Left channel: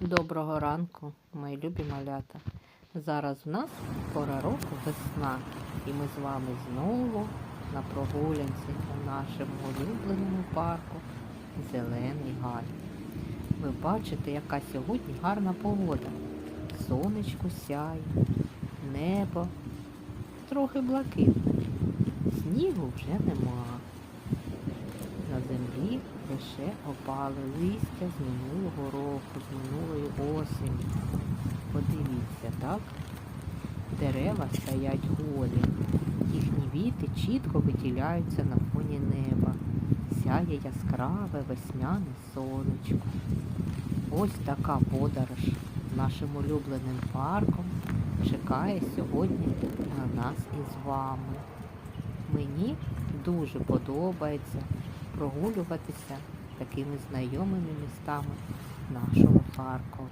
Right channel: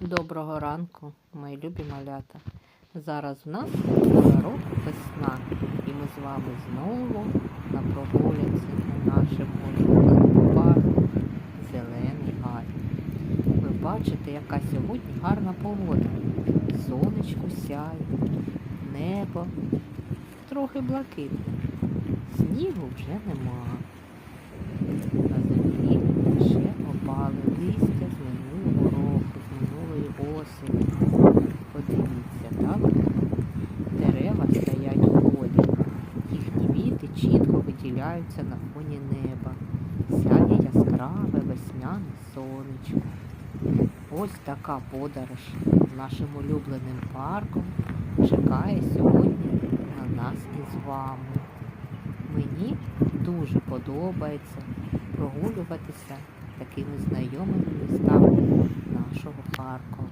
Доброго ранку, мої любі малята. Зараз в нас пора року весна, і ми з вами знову на прогулянці у нашому улюбленому парку Зелений Гай. Ви бачите, яка сьогодні гарна погода. Сонечко сяє, небо трохи блакитне, снігу вже нема. На землі лише опали листя з минулого року, з минулої осені. Подивіться, так? Дерева стоять голі. Їхні віти чітко виділяються на фоні неба. Сяє яскраве весняне сонечко. Ось така подорож нашим улюбленим парком чекає сьогодні на нас із вами. Мені дуже подобається прогулюватися такими знайомими містами нашого Харкова.